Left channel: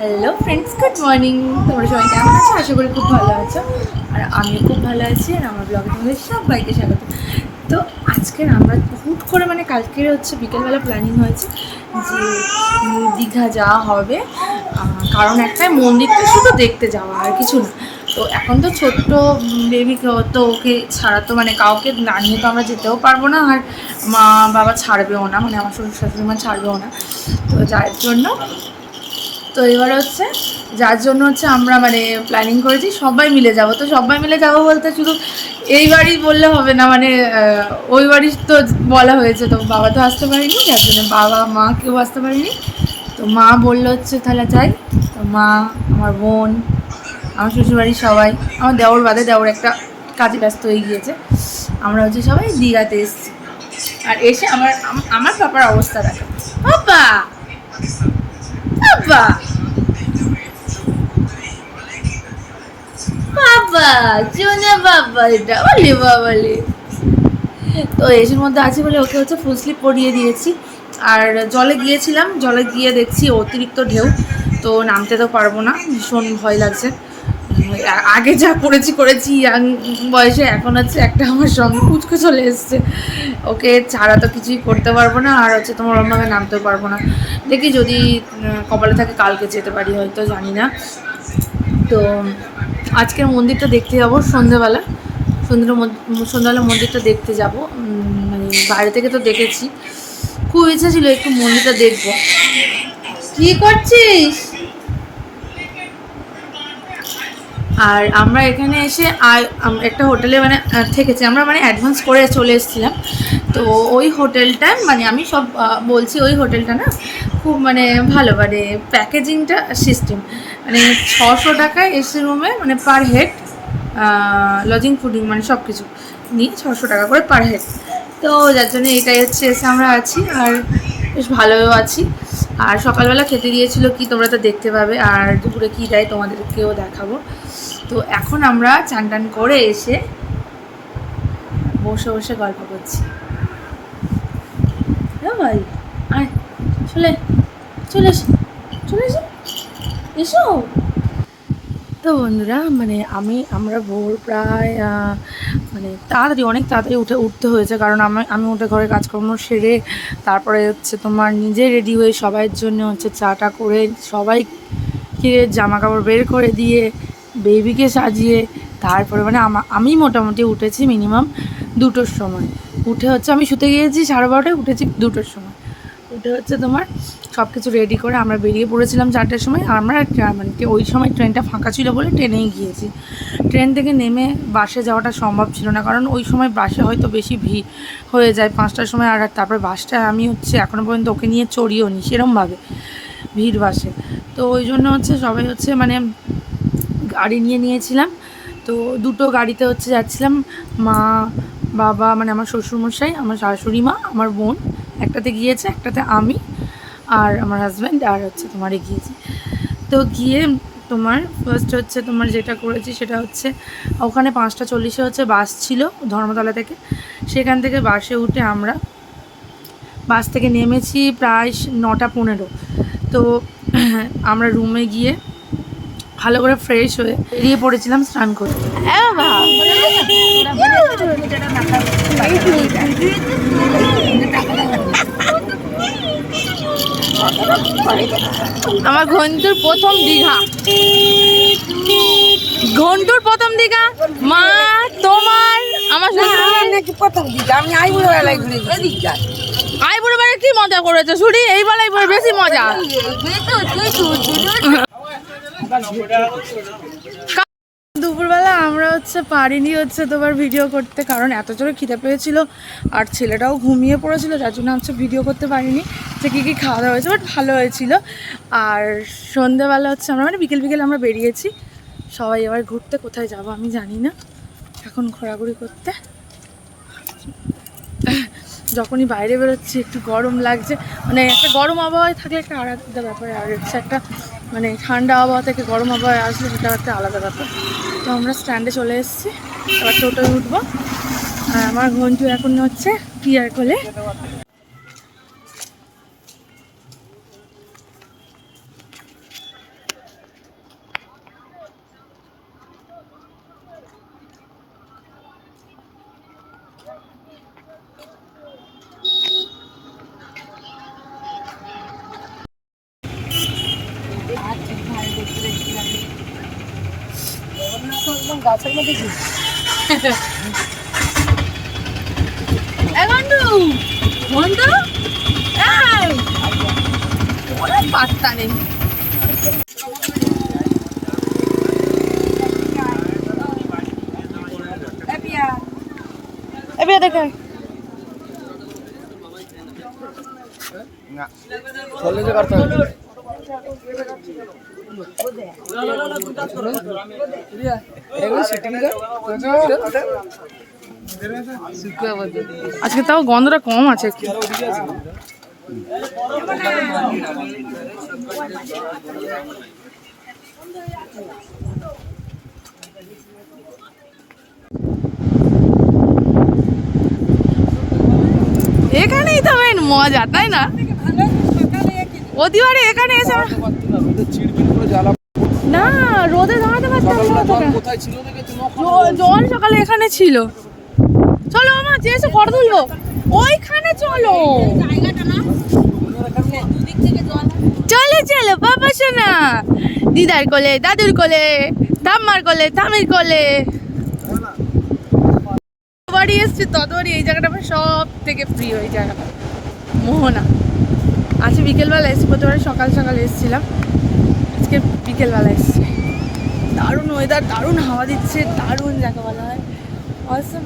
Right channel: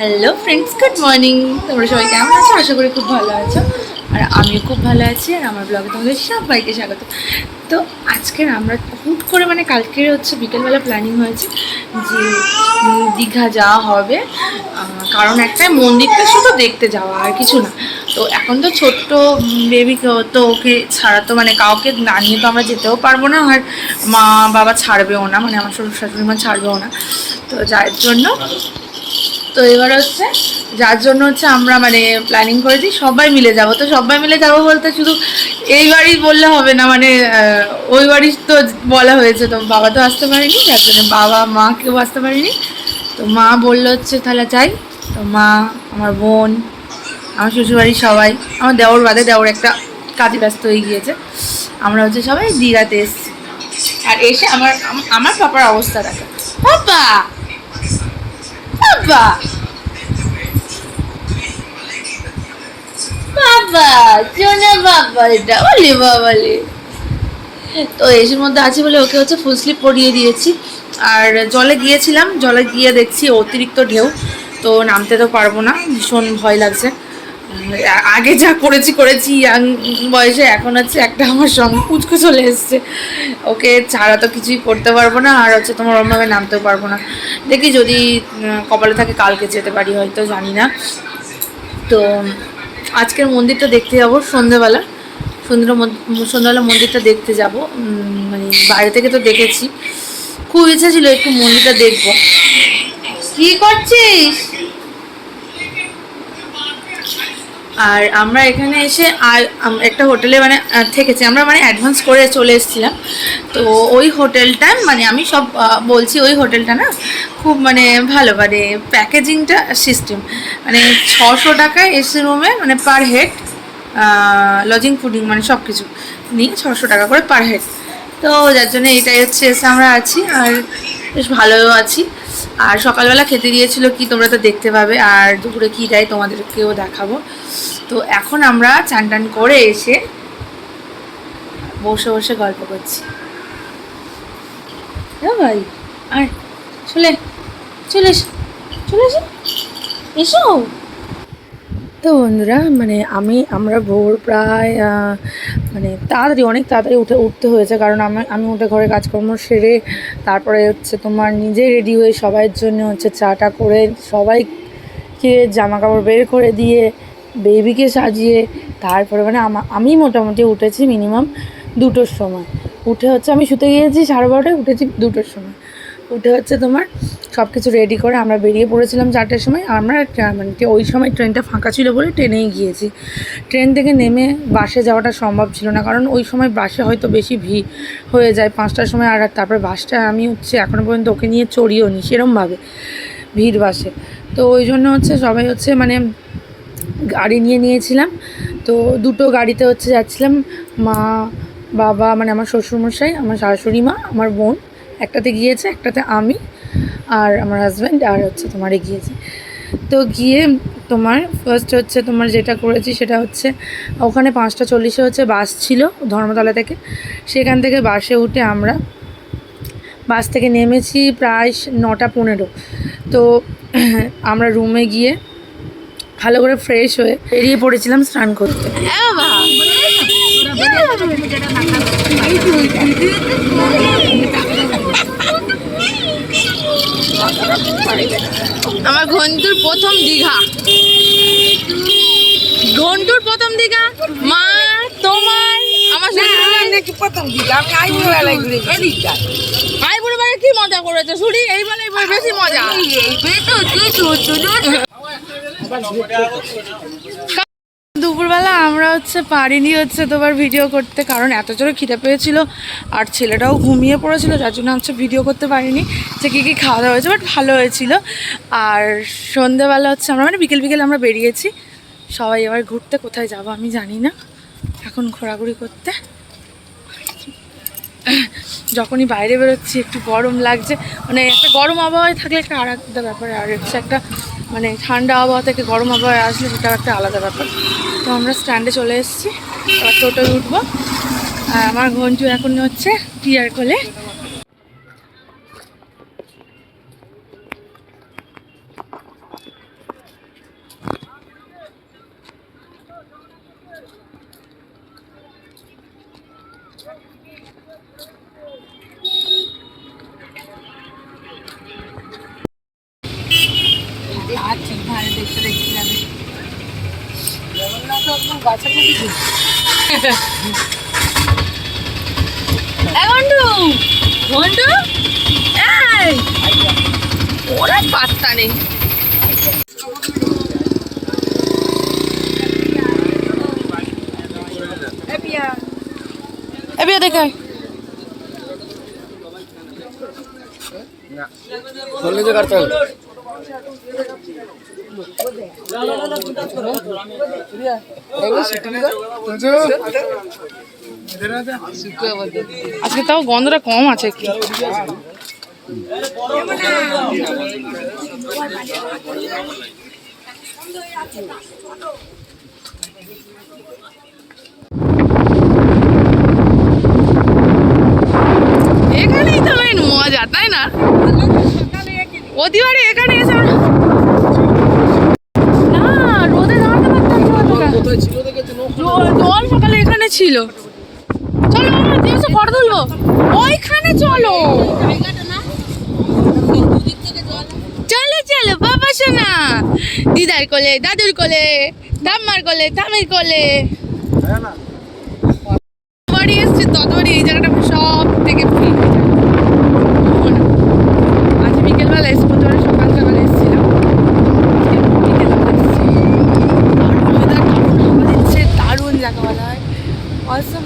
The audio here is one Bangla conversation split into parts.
হ্যালো ফ্রেন্ডস গুড মর্নিং তোমরা সবাই কেমন আছো? আশা করি খুব ভালো আছো। আর আমিও খুব ভালো আছি। আর আমার ব্লগে তোমাদের সবাইকে স্বাগত। তো আজকের আমরা হুট করে মানে কালকে হচ্ছে বিকেলবেলা প্ল্যানিং হয়েছে যে দীঘা যাওয়া হবে। কারণ একটাই মন্দিরটা শুধু দেখতে যাওয়া, আর কিছু না। তো এখন তো ছোট্ট বেবি তো ওকে ছাড়া তো মানে কাউকে না নিয়ে তো আমরা যেতেও পারব না। আর মা বাবা ছাড়বেও না মানে আমার শ্বশুর শাশুড়ি মা ছাড়বেও না। তো যার জন্য তো এবার হচ্ছে যার জন্য হচ্ছে আমরা মানে প্ল্যানিং করেছি, সবাই মিলে যাব। তো সবাই মিলে যাব বলতে শুধু এই বাড়ি বললে হবে না মানে ওই বাড়ি তো বলা হয়েছে। তো বাবা তো আসতে পারেনি, যার জন্য বাবা, মা কেউ আসতে পারেনি। তো মা বলল হচ্ছে, তাহলে যাই। তো মা, আমার বোন, আমার শ্বশুরবাড়ির সবাই, আমার দেওর বাদে দেওর একটা কাজে ব্যস্ত হয়ে গিয়েছে। আমরা হচ্ছে সবাই দীঘাতে এসেছি। আর এসে আমার আমার পাপার অবস্থা দেখো। পাপা! বাবা বাবা জোনা বাবা এটা, বলি বাবালে তো এসির মধ্যে আছে বলে ওকে হচ্ছে ফুল স্লিপ পরিয়ে দিয়েছি। আর জলে গিয়েছিলাম, জলে গিয়ে দেখছি অতিরিক্ত ঢেউ, তো নামতে তো পারব না, ভীষণ ভয় লাগছে। আগে যা করেছি করেছি, ইয়াং বয়সে এখন হচ্ছে একটা আমার সঙ্গে কুচকো চলে এসছে। ওকে ছাড়া তো কিছুই করতে পারব না, আর হচ্ছে তোমার ওরমভাবে নামতেও পারব না। দেখি যদি কপালে থাকে কালকে যেতে পারি, হয়তো জানি না। তো আজকের মন্দিরটা দেখতে যাব সন্ধেবেলা সন্ধ্যে সন্ধ্যাবেলা মন্দিরটা দেখতে যাব। মানে বাইরে থেকে তো দেখেছি। খুব ইচ্ছা ছিল একটু মন্দিরটা দেখব। কি করছিস? আর আমরা এখানে এসে আর একটা হোটেলে মানে থেকেছি। আমরা মানে অ্যাডভান্স করে চলে এসেছিলাম। তো ওই হোটেলটা মানে আমি সব বলছি ওই হোটেলটা না, খুব মানে ভালো মানে প্যাকেজিংটা সিস্টেম মানে ছশো টাকায় এসি রুমে মানে পার হেড লজিং ফুডিং মানে সব কিছু নিয়ে ছশো টাকা করে পার হেড তো যার জন্য এটাই হচ্ছে, এসে আমরা আছি। আর বেশ ভালোও আছি। আর সকালবেলা খেতে দিয়েছিল কি তোমরা তো দেখতে পাবে, আর দুপুরে কী দেয় তোমাদেরকেও দেখাবো। তো এখন আমরা চান টান করে এসে বসে বসে গল্প করছি। ভাই, আর চলে চলে চলে এসো তো বন্ধুরা মানে আমি, আমরা ভোর প্রায় মানে তাড়াতাড়ি, অনেক তাড়াতাড়ি উঠে, উঠতে হয়েছে। কারণ আমি আমি উঠে ঘরে কাজকর্ম সেরে তারপরে হচ্ছে তোমার নিজে রেডি হয়ে সবাইয়ের জন্য হচ্ছে চাটা করে সবাইকে জামা কাপড় বের করে দিয়ে বেবিকে সাজিয়ে, তারপরে মানে আমা মোটামুটি উঠেছি মিনিমাম দুটোর সময়। উঠে হচ্ছে আমি শুতে গিয়েছি সাড়ে বারোটায়, উঠেছি দুটোর সময়। উঠে হচ্ছে তোমার সব কিছু রেডি করে আমরা বেরিয়ে পড়েছিলাম চারটের সময়। আমরা মানে ওই সময় ট্রেনটা ফাঁকা ছিল বলে ট্রেনেই গিয়েছি। ট্রেন থেকে নেমে বাসে যাওয়াটা সম্ভব ছিল না, কারণ ওই সময় বাসে হয়তো বেশি ভিড় হয়ে যায়, পাঁচটার সময়, আর তারপরে বাসটা আমি হচ্ছে এখনও পর্যন্ত ওকে নিয়ে চড়িও নি সেরমভাবে ভিড় বাসে। তো ওই জন্য হচ্ছে সবাই হচ্ছে মানে গাড়ি নিয়ে নিয়েছিলাম। তো দুটো গাড়িতে হচ্ছে যাচ্ছিলাম, মা, বাবা মানে আমার শ্বশুরমশাই, আমার শাশুড়ি মা, আমার বোন। একটাতে গিয়েছে একটাতে আমি আর আমার হাজব্যান্ড আর হচ্ছে তোমার গিয়েছি তো গিয়ে তোমার ফার্স্ট হচ্ছে তোমার যেটা করেছি সেটা হচ্ছে ওখানে পাঁচটা চল্লিশে হচ্ছে বাস ছিল ধর্মতলা থেকে সেখান থেকে বাসে উঠে আমরা বাস থেকে নেমেছি প্রায় নটা পনেরো তো আমরা রুমে গিয়ে ভালো করে ফ্রেশ হয়ে বেরিয়ে পড়েছিলাম স্নান করতে আমার ঘন্টুর প্রথম দীঘা ঘন্টুর প্রথম দীঘা মা তোমার আমার নাকি প্রথম দিকে আমি আইবুড়ো বেলায় ঘুরে আইবুড়ো বাড়ি কি মজা করেছ শুনি এই বেলায় বেশি মজা দুপুরবেলা আমরা হচ্ছে পারিনি হচ্ছে তোমার ভিডিও করতে, কারণ এত জোরে খিদে পেয়েছিল আর ছেলেটাও ঘুমিয়ে পড়েছিল, যার জন্য হচ্ছে ভিডিও করতে পারিনি যে কী কী খাওয়া দাওয়া হয়েছে বাট ভালো হয়েছিল। আর সন্ধেবেলা হচ্ছে আমরা মানে বিকেল বিকেল আমরা বেরিয়েছি, সবাই এবার ঘুরতে কোথায় যাব আমি জানি না। এখন ঘোরাঘুরি করতে। যখনই বাইরে বেরোচ্ছি, একটু গরম লাগছে মানে একটা গরম আবহাওয়ায় থাকলে একটা আলাদা ব্যাপার, আর হচ্ছে একটা মানে ঠান্ডা আবহাওয়া থেকে গরম আবহাওয়ায় আসলে সেটাও একটা আলাদা ব্যাপার। তো আমরা স্ট্যান্ডে চলে এসেছি। এবার টোটোয় উঠবো। আর আমার ঘন্টু এখন হচ্ছে টিয়ার কোলে। একদম গাছের মধ্যে ওরা পাত্তা নেই। এ বিয়া দেখে আজকে তাও গন্ধটা কম আছে এখানেই তো মজা তাই না? প্রতিবারে এখানে এসে না, রোদে দাঁড়াতে পারতাম না জল সকালে এখানে ছিল। চলো আমার যে এসে ফটো তুলবো। ওইখানে চলো। চলে, চলো, বাবা শোনা দিদার কোলে, দাদুর কোলে ঠাম্মার কোলে ঠামির কোলে। বাড়ি এসছি, ততবারই এই জায়গাটা সব থেকে ফ্রি হয়ে যায় মোহনা আজ প্রতিবারে সকাল সকাল এসেছিলাম। আজকে বিকেলবেলা এসছি। দারুণ ওয়েদার দারুণ হাওয়া দিচ্ছে, দারুণ যাকে বলা হয়। অসম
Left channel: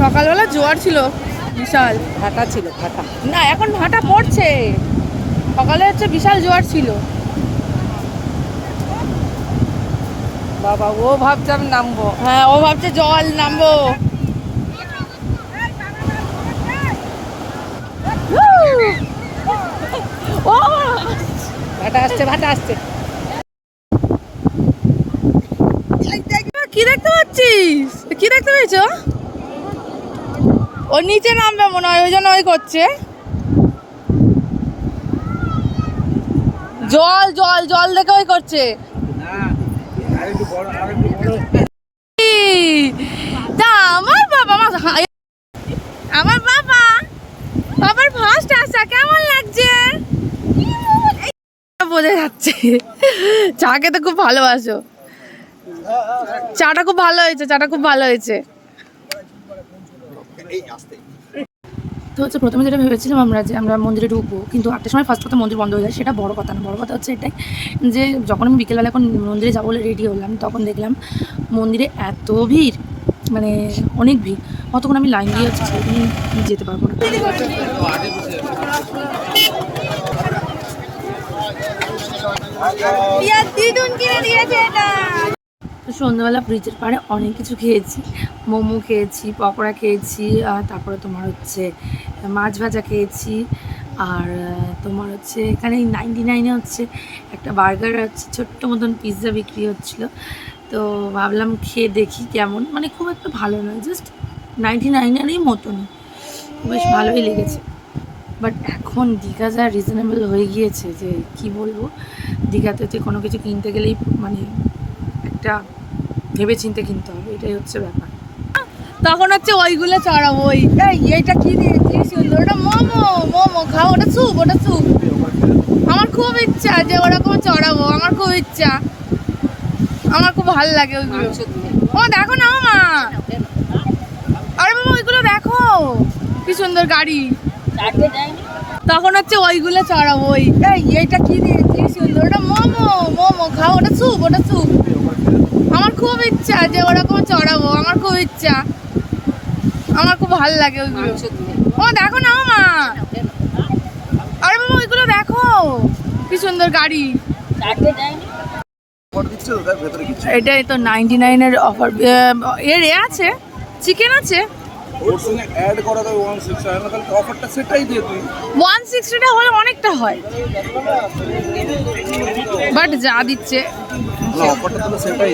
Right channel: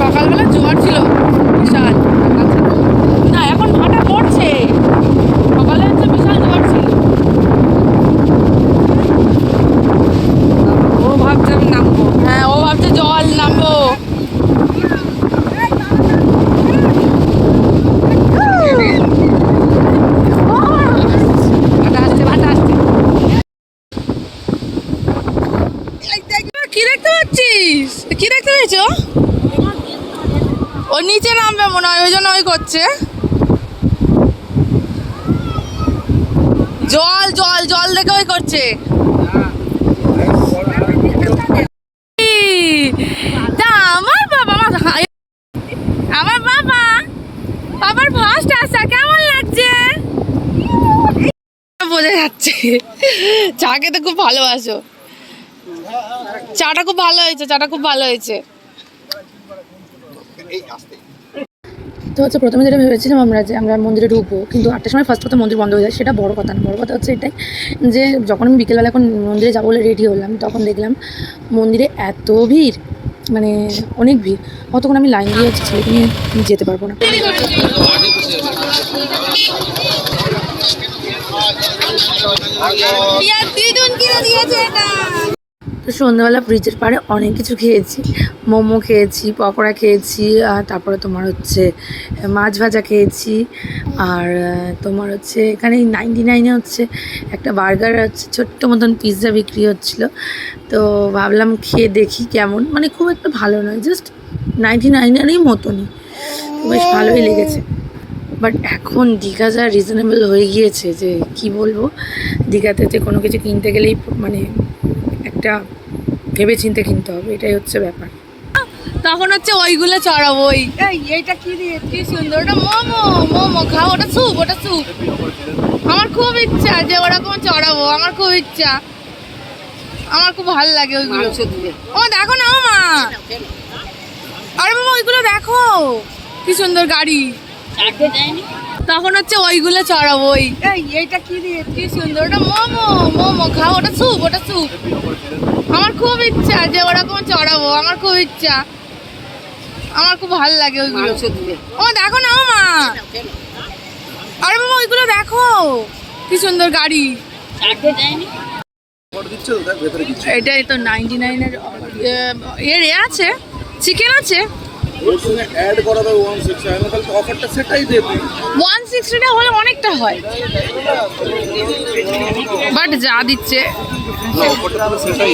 সকালবেলা জোয়ার ছিল, বিশাল ভাটা ছিল। না, এখন ভাটা পড়ছে। সকালে হচ্ছে বিশাল জোয়ার ছিল। বাবা, ও ভাবছে আমি নামবো। হ্যাঁ ও ভাবছে জল নামবো ও কি দেখতে পেয়েছ? নিচে নামবে মনে হয়, ওই জন্য ওই করছে। জল জল জল দেখে ওই করছে। আমার বাবা আমার বাবা? বাবার ফার্স্ট আসা কেমন লাগছে বোঝা যাচ্ছে। চা খেতে খুব ভালোবাসো। চাটা খুব ভালো হয়েছে, চাটা খুব ভালো হয়েছে। তো হচ্ছে প্রথমে যেটা ভেবেছিলাম আমরা যে আমরা মন্দিরে ঢুকবো, কিন্তু আটটার সময় ফার্স্ট কথা মন্দির বন্ধ হয়ে যায়, সেটা বড় কথা না। বড় কথা হচ্ছে এটাই যে যখন আমি বিকেলবেলা এখন মন্দিরে যাব বলে রেডি হলাম, তখন দেখলাম মন্দিরে এত ভিড় মানে অনেক ভিড়। অতক্ষণ আমি লাইন দিয়ে হচ্ছে নিয়ে যেতে পারব না। তো সন্ধ্যাবেলা ব্রিজের পাড়ে অনেক কিছু খেয়েছি। মোমো খেয়েছি, পকোড়া খেয়েছি, আর তারপরে তোমার হচ্ছে মাছ ভাজা খেয়েছি, আর তোমার হচ্ছে এখানে নাইনটি নাইনে হচ্ছে একটা বার্গার, হচ্ছে ছোট্ট মতন পিৎজা বিক্রি হচ্ছিল। তো ভাবলাম খেয়ে দেখি কেমন। মানে খুব একটা ভালো নয় জাস্ট নাইনটি নাইনেরই মতনই। বেশ ভালোই লেগেছে। বাট এখন দীঘা যা রিজনেবল হয়ে গিয়েছে যে কি বলব, দীঘাতে যে কোনো কিছু কিনতে গেলেই মানে একটা ভেবে চিন্তে কিনতে হবে, এটাই হচ্ছে ব্যাপার। তখন হচ্ছে ওইগুলো চড়াবো, ওই, এই, এইটা কি দিয়ে সুন্দর, ওটা মোমো মোমো, খাও, ওটা স্যুপ ওটা স্যুপ। আমার খুব ইচ্ছা যে ওরকম চড়াবো, আমার খুব ইচ্ছা। আমার খুব ভালো লাগে ওইগুলো। ও, দেখো না মা আরে বাবা ওইগুলো দেখো। কি সুন্দর গাড়ি। তখন হচ্ছে ওইগুলো চড়াবো ওই এই এইটা কি দিয়ে কি সুন্দর ওটা মোমো মোমো খাও ওটা স্যুপ ওটা স্যুপ। আমার খুব ইচ্ছা যে ওরকম চড়াবো আমার খুব ইচ্ছা। আমার খুব ভালো লাগে ওইগুলো। ও দেখো না ও মা। আরে বাবা ওইগুলো দেখো। কি সুন্দর গাড়ি। এটাই তো নাইনটি নাইনের অফার এর এ আছে। চিকেন আছে? ওর সঙ্গে অ্যাড করা দেবে ওয়ান সিক্স তাহলে অফারটা সেটাই দিয়ে তুই ওয়ান সিক্সটিটা হলে অনেকটা হয়। বাট যা দিচ্ছে। অফারটা তাহলে সেটাই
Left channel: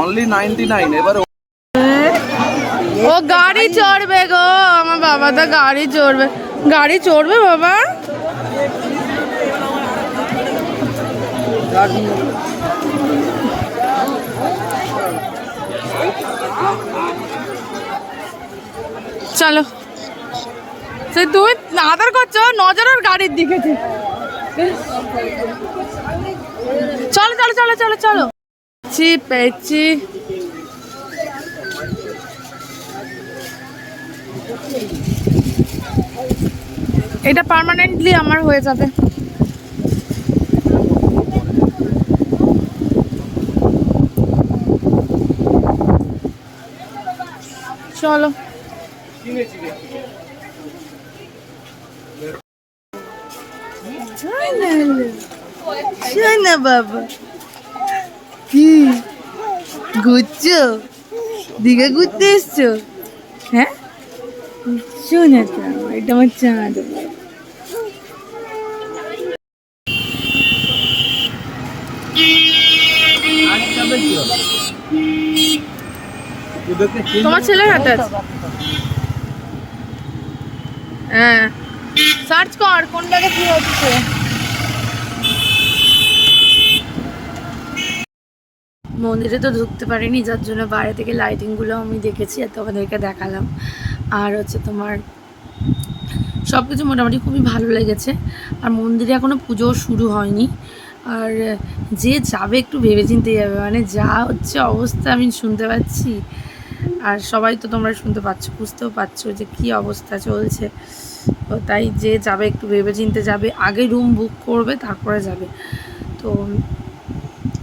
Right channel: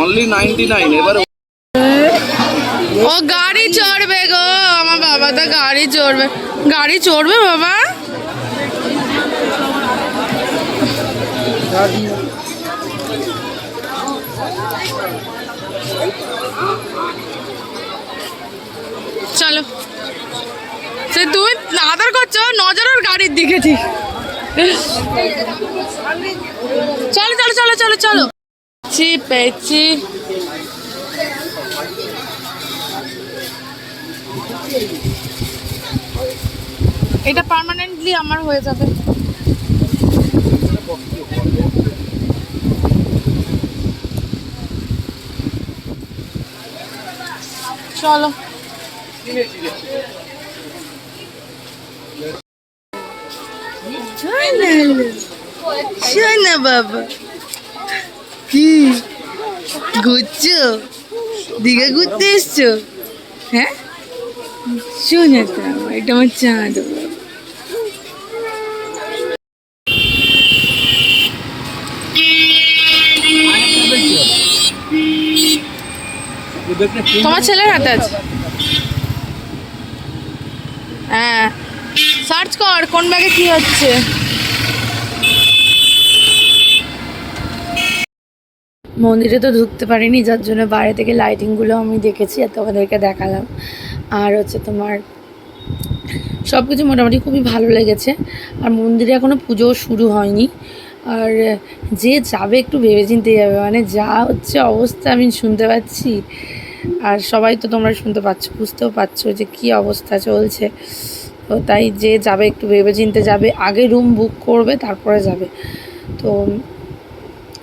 অনলি নাইনটি নাইন এবার ও গাড়ি চড়বে গো আমার বাবা তো গাড়ি চড়বে। গাড়ি চড়বে বাবা? চলো। সে তুমি আদর করছ নজরের গাড়ির দিকে ঠিক। চলো চলো চলো চলো চলো। পেয়েছি পেয়েছি। এটা পার্মানেন্টলি আমার হয়ে যাবে। চলো। শোনা বাবা। কি? ঘুরছো? দীঘা ঘুরতে এসছো? হ্যাঁ? শোনা তো আমার, এটা আমার চাঁদ বাবা। তোমার ছেলের হাতে আছে। হ্যাঁ। সার্চ কর, কোন ব্যাগে কি হচ্ছে। মন্দিরে তো ঢুকতে পারিনি, যার জন্য বাইরে থেকে লাইটিংগুলো আমি দেখেছি আর তোমাদেরকে দেখালাম। আর হচ্ছে তোমার সব কিছু মোটামুটি খুবই ভালো লেগেছে। আর মন্দিরে এখনও পুজো শুরু হয়নি। আর যে যাবে একটু ভেবেচিন্তে যাবে মানে যা হচ্ছে অবস্থা আমি শুনতে পাচ্ছি। আর সবাই তো তোমরা শুনতে পাচ্ছ, বুঝতেও পারছ যে কি অবস্থা চলছে। তো তাই যে যাবে, একটু ভেবেচিন্তে যাবে। আগে রুম বুক করবে, তারপরে যাবে। তো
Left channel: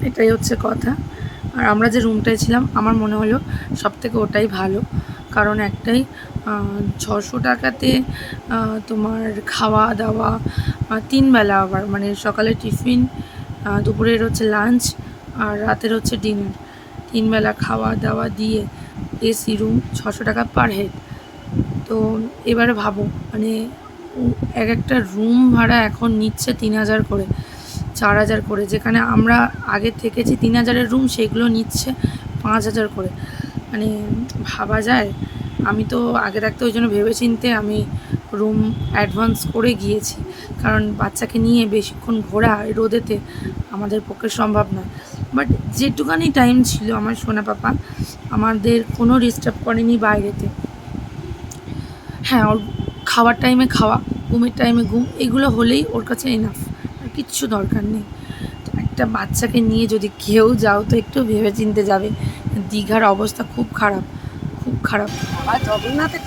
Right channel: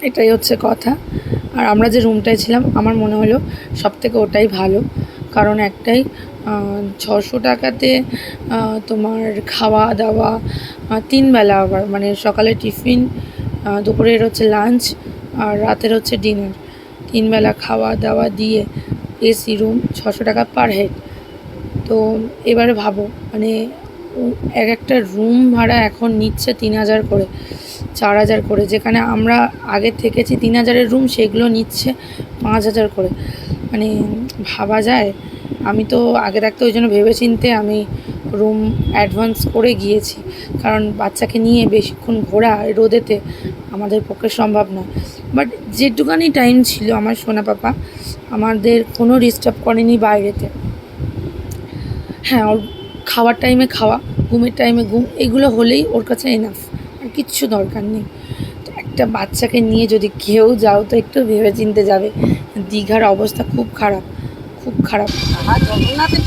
এটাই হচ্ছে কথা। আর আমরা যে রুমটায় ছিলাম, আমার মনে হলো সব থেকে ওটাই ভালো। কারণ একটাই ছশো টাকাতে তোমার খাওয়া দাওয়া তিন বেলা আবার। মানে সকালে টিফিন দুপুরের হচ্ছে লাঞ্চ আর রাতের হচ্ছে ডিনার। তিন বেলা খাওয়া দাওয়া দিয়ে এসি রুম ছশো টাকা পার হেড। তো এবারে ভাবো মানে এক একটা রুম ভাড়া এখন নিচ্ছে তিন হাজার করে, চার হাজার করে। যেখানে আমরা আগে থেকেছি তিন হাজারের রুম, সেগুলো নিচ্ছে পাঁচ হাজার করে। মানে ভাবা যায়, আমি তো আগে থাকতে ওই জন্য ভেবেচিন্তে আমি রুম অ্যাডভান্স করে গিয়েছি। কারণ বাচ্চাকে নিয়ে বেশিক্ষণ ঘোরা রোদেতে আমাদের পক্ষে সম্ভব না বাট যেটুকানি টাইম ছিল আমার সোনা পাপা, আমাদের কোনো ডিস্টার্ব করেনি বাইরেতে। হ্যাঁ ওর খাওয়ার টাইমে খাওয়া, ঘুমের টাইমে ঘুম, এগুলো হলেই ওর কাছে এনাফ আর কিচ্ছু দরকার নেই। তো একটা বাচ্চাকে নিয়ে যদি কেউ যাও, তো একটু ভেবে চিনতে যাবে। দীঘার অবস্থা খুব খারাপ খুব খারাপ। জগন্নাথের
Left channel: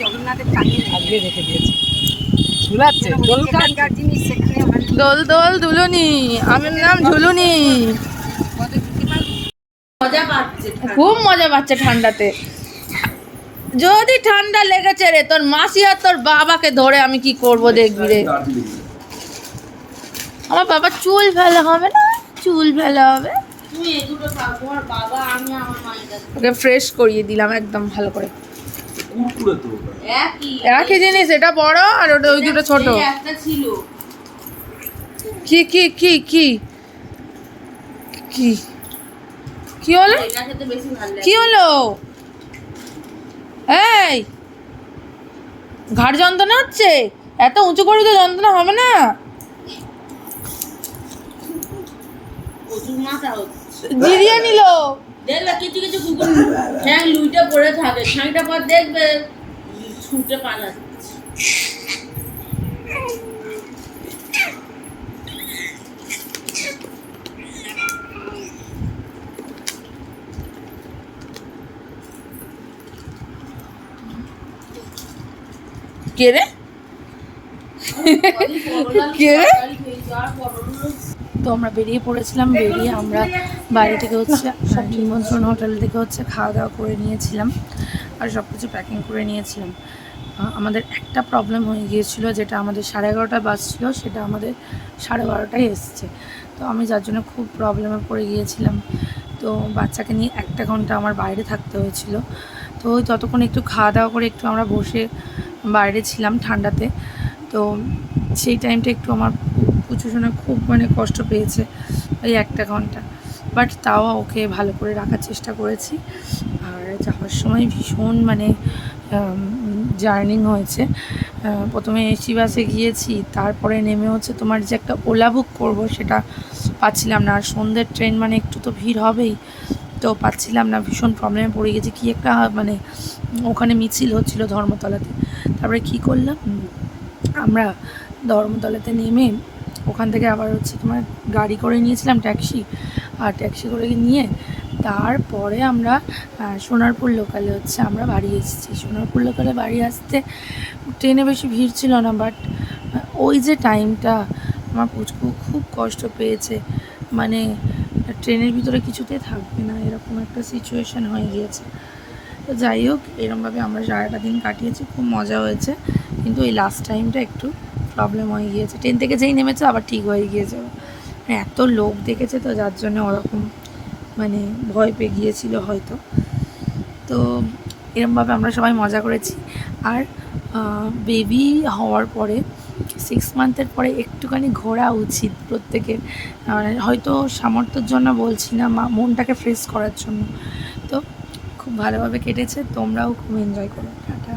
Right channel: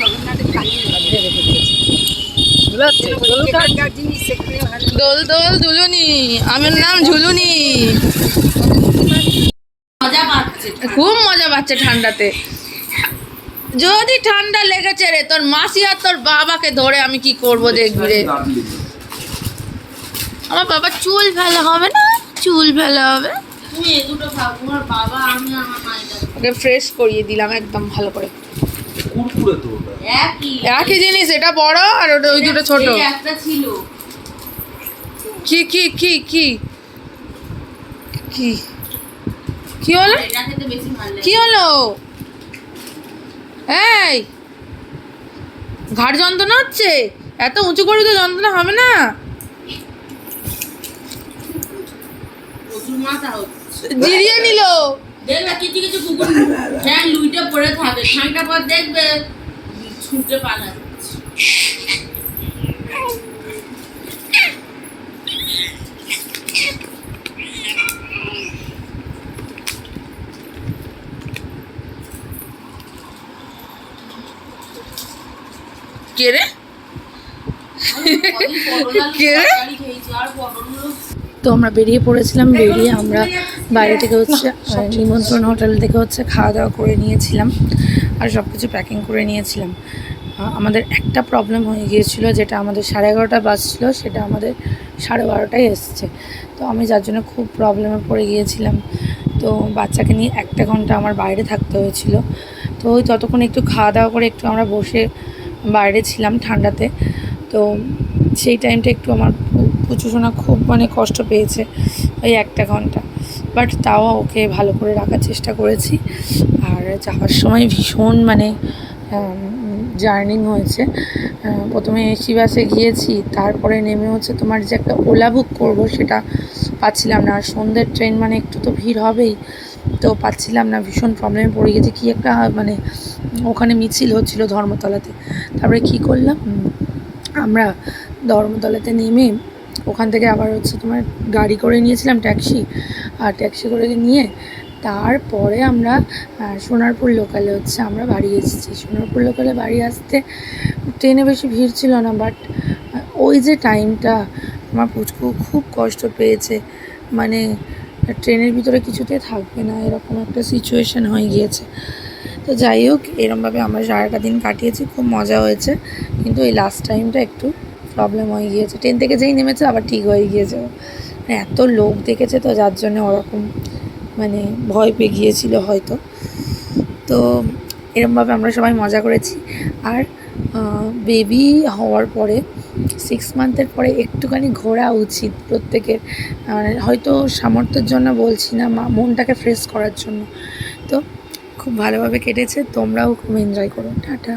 জগন্নাথের জিনিস দোল দোল দুলুনি আমার নাম ঝুলুনি। খুব মজা পাচ্ছে ঠান্ডাতে। যদি ঠান্ডা লেগেছে রে তোর মাসি আর তোর বাবাকে ধরে আমি কি করব দেখবি রে? আমার বাবা চুল ফেলা হবে না? চুল ফেলা হবে? ওকে ফ্রেশ করিয়ে দিলাম একদম ভালো করে। কুরকুরে তো একই। জিনিস এটা বড় আর ওটা ওই দুটো ছোট। কি কি কি কি? কি? কি হলো? কি হলো? এই! ঘাড় যন্ত্রণা হচ্ছে? এত উঁচু করে তো যন্ত্রণা হবে না? জিরিয়ে নিল। দেখবে কিছু কিছু কুকুর ঠ্যাং লুইটে পড়ে থাকে। খানিকটা পর দেখবে ছুটে পালাচ্ছে কে রে? কে রে? তো আমরা বেরিয়ে পড়েছিলাম বেরিয়ে আমরা বাইরে থেকে হচ্ছে নিমন্ত্রণ হোটেল থেকে হচ্ছে খাওয়া দাওয়া করে নিয়েছিলাম আর সব কিছু প্যাকিং করে নিয়েছিলাম। আমাদের একটা প্রবলেম হয়ে গিয়েছিল যেটা আমাদের সাড়ে এগারোটা বাস ছিল সেটা আমাদের সাড়ে বারোটায় এসছে। তো আমি যার জন্য খুব প্রবলেমে পড়ে গিয়েছিলাম। তো বাচ্চাকে নিয়ে একটা ঘণ্টা আমার বাইরে থাকতে হয়েছিল। তো ওই ততক্ষণ একটু খাওয়া দাওয়া করে একটু আমরা বসে বাইরে ছিলাম ঠান্ডাতে। তো সেই টাইমটা একটু আমার পু- পুচু খুব মানে কষ্ট পেয়েছে ওই একটা ঘণ্টা। বাট তাও ওকে ভালো করে রাখার চেষ্টা করেছি। আর যাওয়ার সময় ভীষণ মানে জার্নিং হয়েছে। প্রথমে এসি বাসে গিয়েছি, তারপরে নেমে হচ্ছে তোমার যে একটা ওলা বুক করব সেটা পাচ্ছিলাম না। আর সন্ধ্যের ট্রেন মানে একটু তো ভিড় হবেই, তো পাচ্ছিলাম না, ভীষণ প্রবলেমে পড়ে গেছি। কী একটা মানে ওখানে মিছিল হচ্ছিল ধর্মতলাতে। তারপরে কী করলাম? আমরা ধর্মতলাতে নেমে ওখান থেকে আবার হচ্ছে তোমার গাড়ি করে নিয়েছিলাম ট্যাক্সি, আর ট্যাক্সি করে নিয়ে তারপরে আমরা সোনারপুর লোকালে হচ্ছে আমরা বাড়ি এসেছি। সোনারপুর লোকালে বাড়ি আসতে ট্রেনে বেশি ভিড় ছিল না বাট ওই যে টাইমটা আমার পুচকু খুব কষ্ট পেয়েছে। মানে ট্রেনের ভিতরে কিছুতে থাকবে না, এরকম একটা সিচুয়েশন হয়ে গিয়েছে। তো যাই হোক, এরমভাবে আমরা সারাটা দিন কাটিয়েছি, খুব মজা হয়েছে। কিন্তু এই লাস্ট টাইমটা একটু প্রবলেম হয়ে গিয়েছে। ট্রেন থেকে যেই নেমেছে, আবার ঠিক হয়ে গিয়েছে। মানে এত লোক দেখেছে তো, যার জন্য ওরকম মানে ভয় পেয়ে গিয়েছিল হয়তো। তো এরমভাবে আমরা সবাই মজা করেছি। আর বেবি হওয়ার পরে সিক্স মান্থের পরে একটুখানি ঘোরা উচিত প্রত্যেকের। মানে হয়তো সামর্থ্যের জন্য বলছি না, মা মনটাকে ফ্রেশ করার জন্য। তো খুব ভালোভাবে কেটেছে, তোমরাও খুব এনজয় করো। টাটা।